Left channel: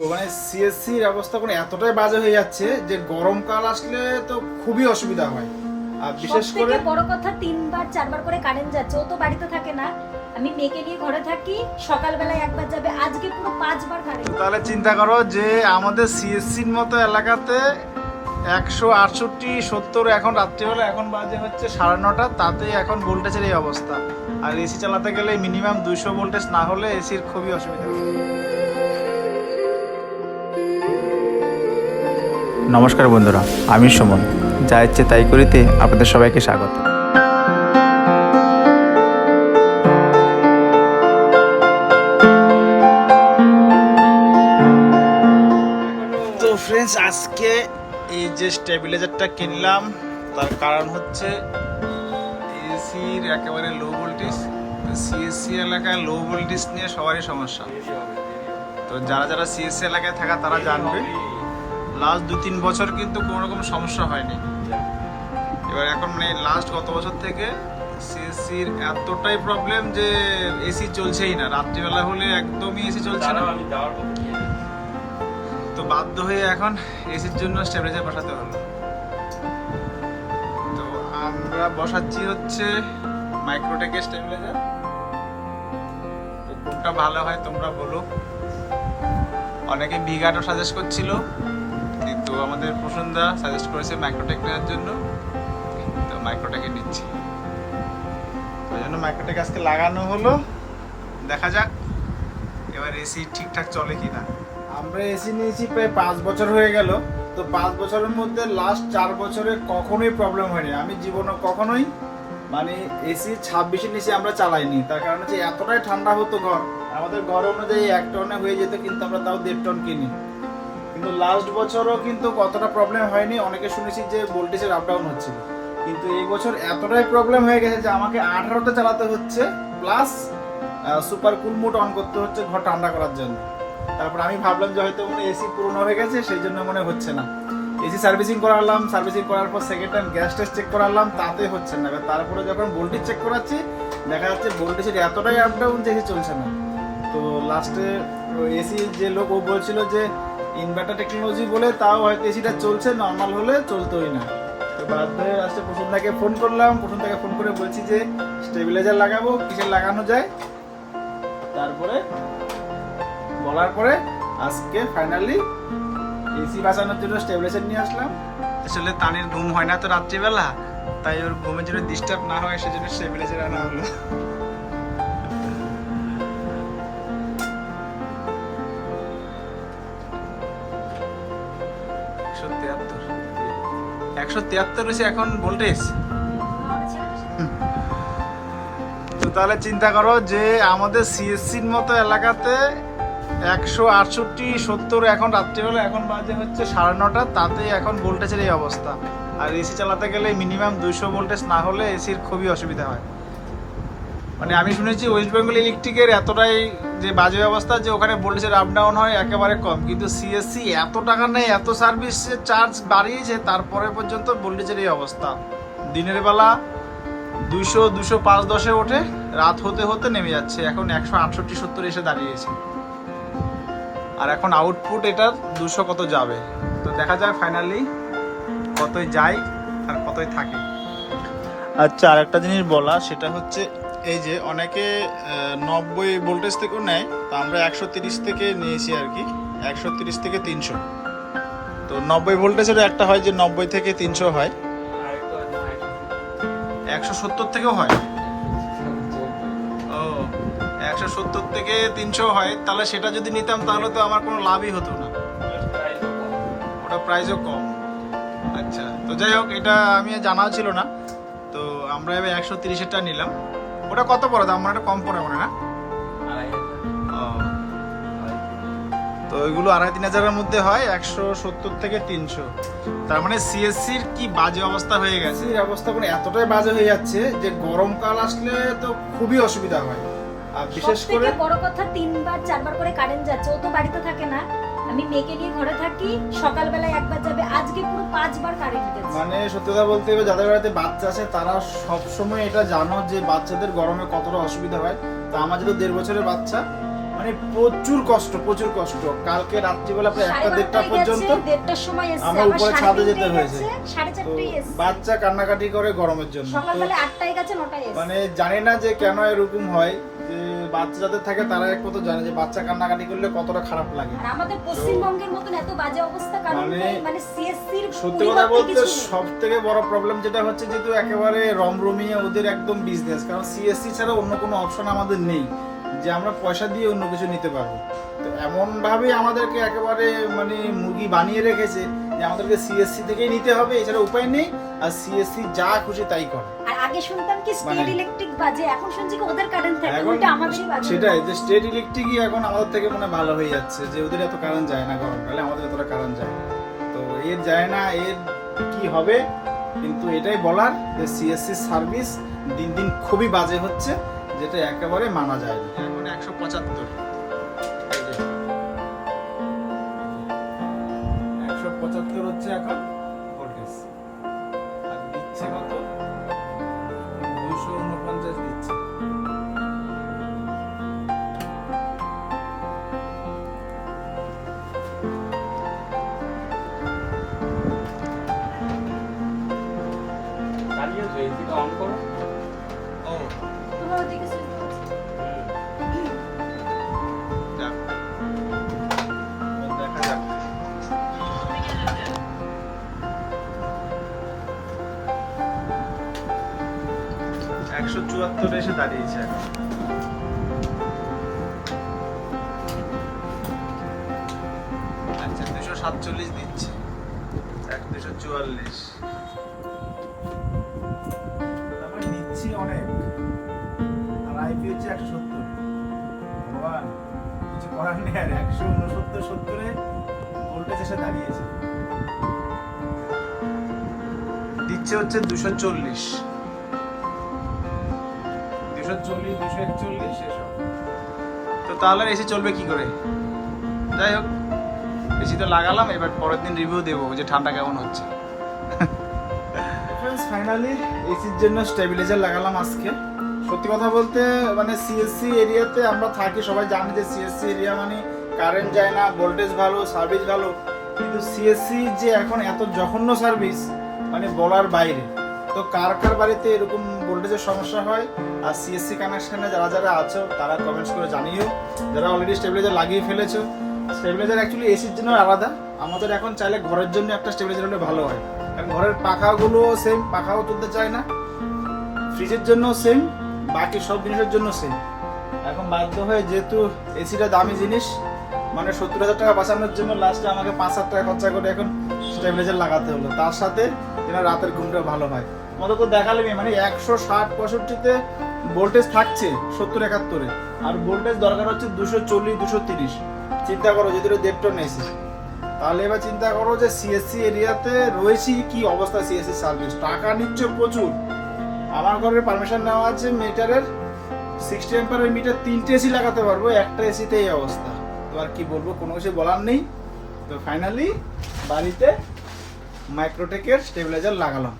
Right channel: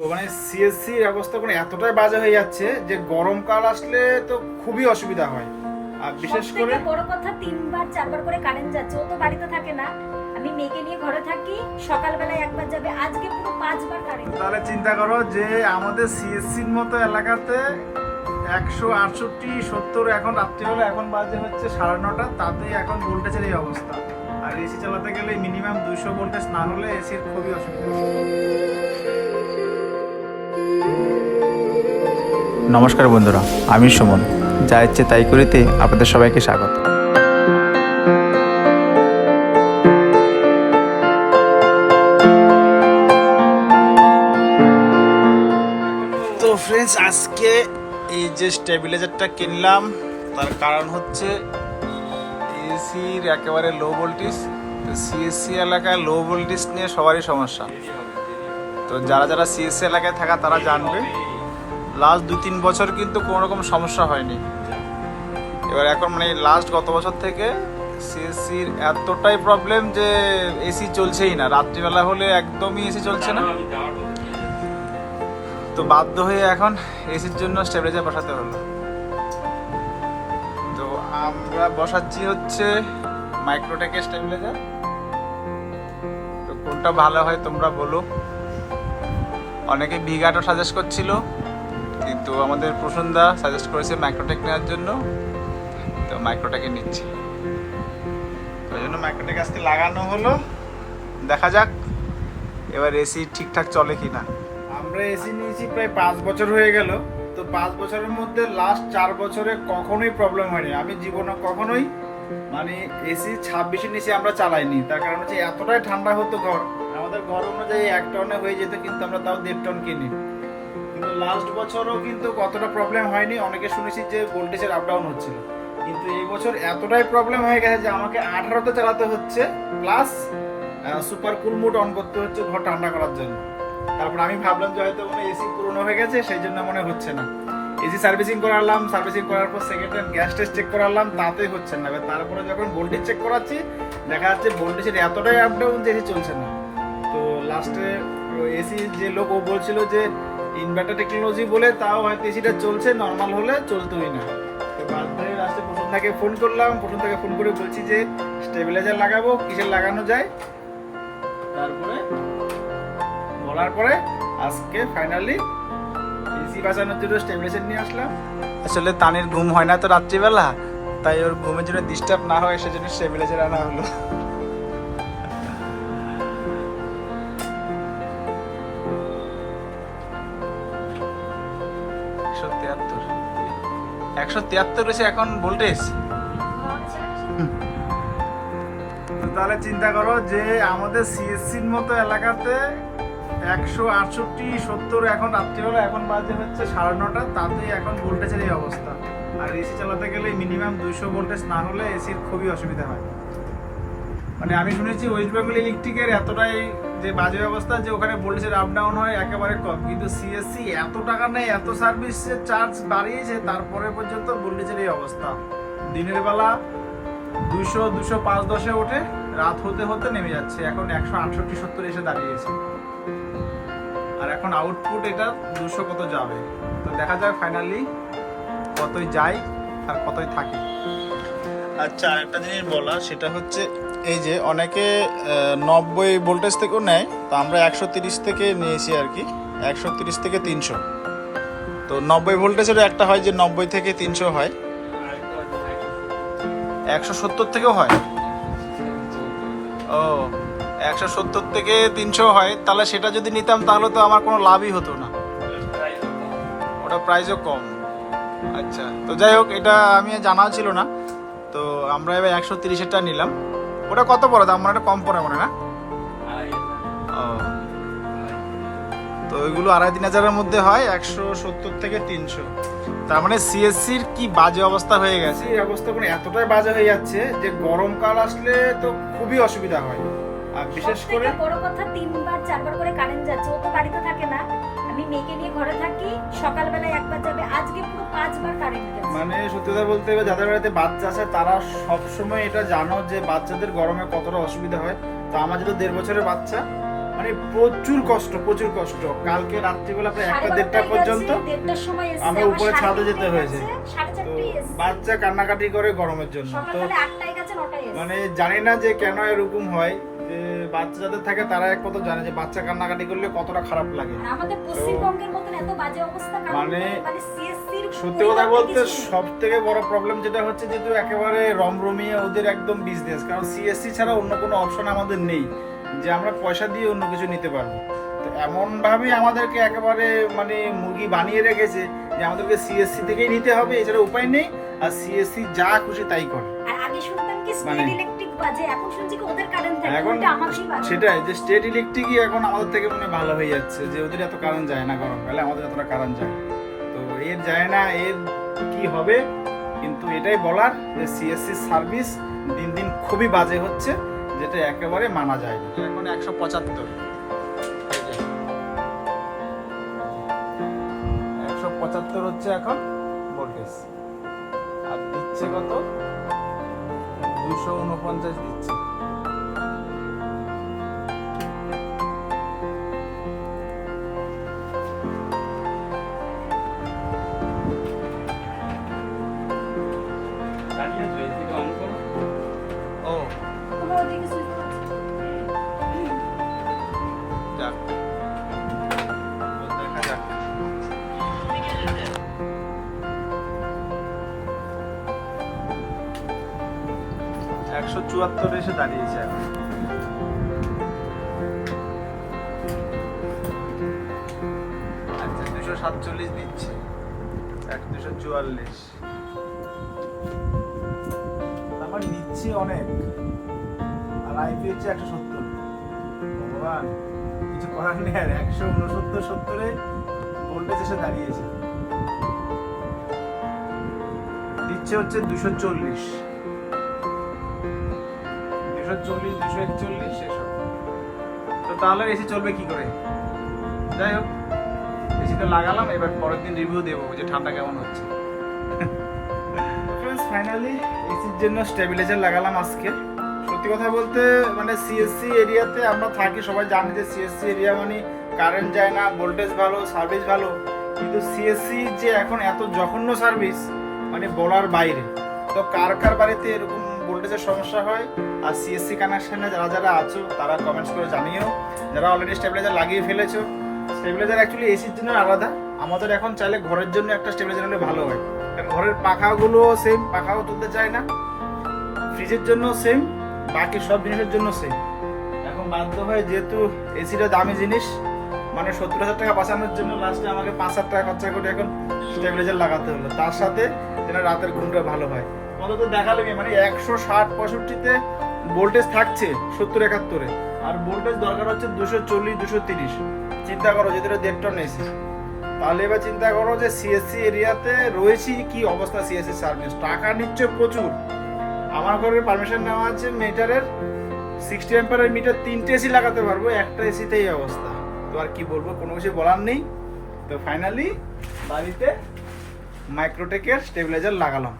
তো মানে সিএসসির ব্যবস্থাপনা এতটাই বাজে হয়ে যাচ্ছে যে গরমকাল আসলে তো খুবই অসুবিধা হয়। আর বিশেষ করে বড় কথা তিনবার চারবার করে কারেন্ট যাচ্ছে। ও তো বাড়িতে থাকে না। আমি মেয়েকে নিয়ে ঘরে থাকি সকালবেলা একবার যাবে। আজকে পুরো পাঁচবার কারেন্ট তাহলে চিন্তা করো যে আমাদের সিএসসির মতো এলাকাতে একশো আটষট্টি সত্তর এখন রাত্রিবেলা এখন বাজে হচ্ছে সাড়ে নটা। তাতে এখন ভোল্টেজের এই অবস্থা। আর এসি চালাতে গেলে মিনিমাম দুইশো ভোল্টেজ না হলে এসির খুবই অসুবিধা। নমস্কার বন্ধুরা, আমি সুমন। যা ইচ্ছে তাই করিতে আপনাদের সবাইকে স্বাগত। তো ফ্রেন্ডস আজকে এই যে স্টেবিলাইজারটা কিনলাম, তার কারণ হচ্ছে এসির একেবারে লো ভোল্টেজ তো সিএসসি এলাকায় লো ভোল্টেজ নিয়ে সবারই সমস্যা। তো যারা যারা সিএসসি এলাকায় থাকা তারা জানবে। লাস্ট দুই, তিন বছর কিন্তু কোনো রকম সমস্যা হয়নি। এবার এখন মানে লাস্ট গত বছর থেকে সিএসসির এতটাই প্রবলেম যে এসি চলছেই না। রাত্রিবেলা হলে একদমই এসি চলছে না। তো বাধ্য হয়ে এখন এসির জন্য স্টেবিলাইজার বসাতে হলো। তো আমরা বসাচ্ছি হচ্ছে মাইক্রোটেকের স্টেবিলাইজার তো কোনটা ভালো হয় তোমরা বলো। অনেকে ভিগাটো সাজেস্ট করছিল। কিন্তু আমাদের প্রসন্দা সাজেস্ট করেছে মাইক্রোটেক নেওয়ার জন্য। তো মাইক্রোটেকে নিচ্ছি। তো ওই জন্য মাইক্রোটেক আজকে লাগানো হলো। দেখা যাক, এবার এসি ঠিকঠাক চলে কি না আমরা এসি নিয়েছি প্রায় পাঁচ বছর হয়ে গেল। তো পাঁচ বছরের মধ্যে লাস্ট চার বছরে কখনোই প্রবলেম হয়নি। আমি জীবনে কখনোই মানে এসি ছাব্বিশের নিচে আমরা চালাইনি। তার কারণ হচ্ছে এতটাই ঠান্ডা হতো ঘর। আমাদের ঘর অনুযায়ী এক টনে হয়ে যেত, কিন্তু আমরা তাও দেড় টন কিনি। কিন্তু লাস্ট বছরও কিন্তু কতটা প্রবলেম হয়নি। অনেকে শুনেছি যে ভোল্টেজের আপ ডাউন হচ্ছিল। কিন্তু এই বছর এতটাই প্রবলেম হয়ে গেছে যে আমাকে আঠারোতে চালাতে হচ্ছে plus super cool mode on করতে হচ্ছে ঘর ঠান্ডা করার জন্য। তারপর আমি ভাবলাম যে হয়তো মানে এসি পুরনো হয়ে গেছে, সেই জন্য মনে হচ্ছে না। এসি সার্ভিসিং করালাম সার্ভিসিং করার পর second hand gas test check করালাম তাতেই হচ্ছে না। তারপরে যখন ভোল্টেজ চেক করাচ্ছি, দেখা যাচ্ছে ভোল্টেজের এতটাই আপ ডাউন যে চলছে না। তো লাস্টে এসি যে লোক ও বলছিল যে ইনভার্টার টেকনোলজি বলে তাও হয়তো এসিটা চলছে নর্মাল হলে চলতোই না। তো বাধ্য হয়ে লাস্টে প্রসন্দাকে ফোন করলাম প্রসন্দাকে ফোন করে বলছি যে স্টেবিলাইজার লাগাবো, কিসের লাগানো যায়? তারপরে বলার পরে আজকে ফাইনালি এসি বাঁচানোর জন্য স্টেবিলাইজার নিয়ে আসলাম। আসলে তানির ঘুম হয় না তো রাত্রিবেলা, তাই ওর ঘুমের জন্য ডিস্টার্ব না হয়, সেজন্য স্টেবিলাইজার আনা হলো। একশো তিয়াত্তর। একশো তিয়াত্তর রয়েছে এখন ভোল্টেজ? তো তাহলে চিন্তা করো যে আমাদের সিএসসির মতো এলাকাতে একশো আটষট্টি, সত্তর, এখন রাত্রিবেলা, এখন বাজে হচ্ছে সাড়ে নটা, তাতেই এখন ভোল্টেজের এই অবস্থা। আর এসি চালাতে গেলে মিনিমাম দুইশো ভোল্টেজ না হলে এসির খুবই অসুবিধা হয়। মানে আমি শুনেছি ওয়েস্ট বেঙ্গল ইলেকট্রিকের এতটাই যে বাজে অবস্থা যে ওখানে ভোল্টেজের আপ ডাউন হয় একেবারে কম। কিন্তু সিএসসি এত টাকা নেই এত সার্ভিসের চার্জ বাড়িয়েছে, তারপরে পর্যন্ত ভোল্টেজের এই অবস্থা। দিনের বেলা দুইশো দুশো পাঁচ দশে ওঠে, রাত হতে হতে নেমে যাচ্ছে। এখন একশো আটষট্টি, সত্তর এসে দাঁড়িয়েছে। আর এখন আউটপুট এটার দুশো কত যাবে? তো দেখা যাক ফাইনালি কতই যায় আর কতই থাকে। আচ্ছা আরেকটা জিনিস বলা, সেটা হচ্ছে এই যে অনেকে নব্বই ভোল্টেজ থেকেও নেয়, তো আমরা একশো তিরিশ থেকে নিয়েছি আর কি, একশো তিরিশ থেকে তিনশো। তো নব্বই ভোল্টেজেরও একটা হয় যে নব্বই থেকে তিনশো হয়। একশো সত্তর থেকেও হয়? ও, একশো সত্তর থেকে তিনশো হয়, তাহলে সেটা যদি নিতাম তাহলে তো আমার কোনো লাভই হতো না। ওটা প্রাইসও কম। আচ্ছা তো যাই হোক, এটা আমি জানা ছিল না। তো আমরা এবার একশো তিরিশেরটা নিলাম। ওটা কত পড়ে দাম মানে কম পড়ে মনে হয় না? তো ওইগুলো আড়াই তিন হাজারের মধ্যে হয় একশো সত্তর থেকে তিনশো। তার মানে সিএসসির কি বাজে অবস্থা হয়ে গেছে? এই অবস্থা কোনো এতটাই বাজে হয়ে যাচ্ছে যে গরমকাল আসলে তো খুবই অসুবিধা হয়। আর বিশেষ করে বড় কথা তিনবার চারবার করে কারেন্ট যাচ্ছে ও তো বাড়িতে থাকে না। আমি মেয়েকে নিয়ে ঘরে থাকি সকালবেলা একবার যাবে আজকে পুরো পাঁচবার কারেন্ট গেছে মানে সত্যি কথা বলতে হবে যাদের বাড়িতে বাচ্চা আছে তারা সব সময় এটা জানো যে বাচ্চাদের গরমে কতটা অসুবিধা হয়। তো আমার যেহেতু দেড় বছরের বাচ্চা মানে প্রচুর কষ্ট প্রচুর কষ্ট। কালকে রাত্রিবেলা প্রায় একটা দেড়টা পর্যন্ত আমরা উপরে ছাদে যেতে হয়েছে। তো বাচ্চা কান্নাকাটি করে গরমের জন্য। তো। মানে জানি না যে কেন এরকম হয়। যে বাচ্চা যাদের থাকে তারা এক কথা জানে যে বাচ্চা কান্নাকাটি করলে কতটা খারাপ লাগে। আমাদের পশ্চিমবঙ্গের মতন এত বাজে অবস্থা মানে- ওটাই মানে সত্যি কথা বলতে সব থেকে বড় প্রবলেম যেটা হচ্ছে যে যেহেতু একেবারে রমরমিয়ে ওদের একদম বিজনেস কারণ সিএসসি ছাড়া অন্য কোনো অপশন আমাদের নেই যে আমরা পয়সা দিয়ে অন্য কিছু নিতে পারব। তো এমন ভাবেই আমাদেরকে একেবারে মানে মুরগি বানিয়ে রেখেছে যে আমাদেরকে সিএসসি থেকেই নিতে হবে এছাড়া উপায় নেই। আর সিএসসি যা খুশি তাই করে। শুনতাম কি স্টেট মানে- ইলেকট্রিক বাজে এখন শুনছি কি ওদের কারেন্ট থাকে এখন আমাদেরই বাজে। সেটাই যে স্টেট ইলেকট্রিকই এখন আমাদের থেকে মনে হয় ভালো হয়ে যাচ্ছে যে ওদের এত কারেন্ট যায় না গরমকালে আমাদের এতটা কারেন্ট যায় তো এর যায় না এর কি হবে? কিন্তু এটাই বলার যে সিএসসি সার্ভিস দিন দিন খুবই বাজে হচ্ছে যেটা একেবারে মানা যায় না। এখন একশো পঁচাত্তর। একশো পঁচাত্তর হচ্ছে এখন ভোল্টেজ। আর দিচ্ছে কত? দুশো উনপঞ্চাশ দিচ্ছে দাঁড়িয়ে আছো এসিটা অন করো ও চুয়াত্তর এসে দাঁড়িয়েছে এখন। আচ্ছা দুশো সাতচল্লিশ দিচ্ছে। এক, দুশো চুয়াল্লিশ। আমার নিচ্ছি অনেক। আর আইপি হচ্ছে একশো সত্তর। ভগবান, কিছু করার নেই আর একশো উনসত্তর, সত্তরে ভোল্টেজ এসে দাঁড়িয়েছে। দিচ্ছে হচ্ছে দুশো চল্লিশ। দুশো চল্লিশ দুশো একচল্লিশ, এসব। তো তাহলে এসি চলবে কি করে? যাই হোক, এসি তো লাগালাম, এবার পরের দিন রিভিউ দেবো যে ঠান্ডা কেমন হচ্ছে। ফাইনালি এসির জন্য স্টেবিলাইজার লাগালাম আজকে। সত্যি কথা বলতে মানে সিএসসি এরিয়াতে আমরা থাকি, সবাই জানি যে সিএসসি এরিয়া মানে কারেন্ট যায় না ভোল্টেজ ভালো সার্ভিস ভালো। কিন্তু সিএসসি যে এখন এত জঘন্য সার্ভিস মানে বলার বাইরে। তো কার কার বাড়িতে এরকম ভোল্টেজের সমস্যা হয়? আর সিএসসি কানেকশানে যারা যারা আছো, তারা কমেন্টস করে জানিও। যারা অলরেডি স্টেবিলাইজার লাগিয়ে ফেলেছো স্টেবিলাইজার অ্যাকচুয়ালি এসির জন্য আলাদা। আমাদের এখন চাইলে ঘরের জন্য একটা স্টেবিলাইজার হলে ভালো হয়। কারণ ঘরের পাখাগুলো সেম পাখাও তুলতে চায় না। ফ্রিজের জন্য সেম বাকি সব জিনিসের জন্য সেম এখন বাধ্য হয়ে যেহেতু এসিটা দামি জিনিস মানে সত্তর হাজার টাকা বাঁচানোর জন্য লাস্টে আমাকে পাঁচ হাজার টাকা খরচা করে এখন স্টেবিলাইজার লাগাতে হলো। তার সাথে যেন রাতের ঘুমটা ভালো হয়। তোমাদের তো দেখালে মানে একশো ষাট পঁয়ষট্টিতে ভোল্টেজ থাকছে সত্তর একাত্তরে। আর ভোল্টেজ দরকার হচ্ছে দুশো চল্লিশ, দুশো তিরিশ। চিন্তা করো, যদি দেড় টন এসি তাহলে এবার চিন্তা করো যে সিএসসি এরিয়াতে রয়েছি কি অবস্থা সিএসসি সার্ভিস টাকা নিচ্ছে প্রচুর। আমার ঘরের পারমিশন নেওয়া আছে মিটারের সিক্সটি অ্যাম্পারের মিটার তিনটে এসি লাগাতে পারব, একটা এসিতে এই অবস্থা। তো আর কি বলব, কোনো কিছু বলার নেই। তো ফাইনালি বাড়িতে মাইক্রোটেকের স্টেবিলাইজার লাগালাম।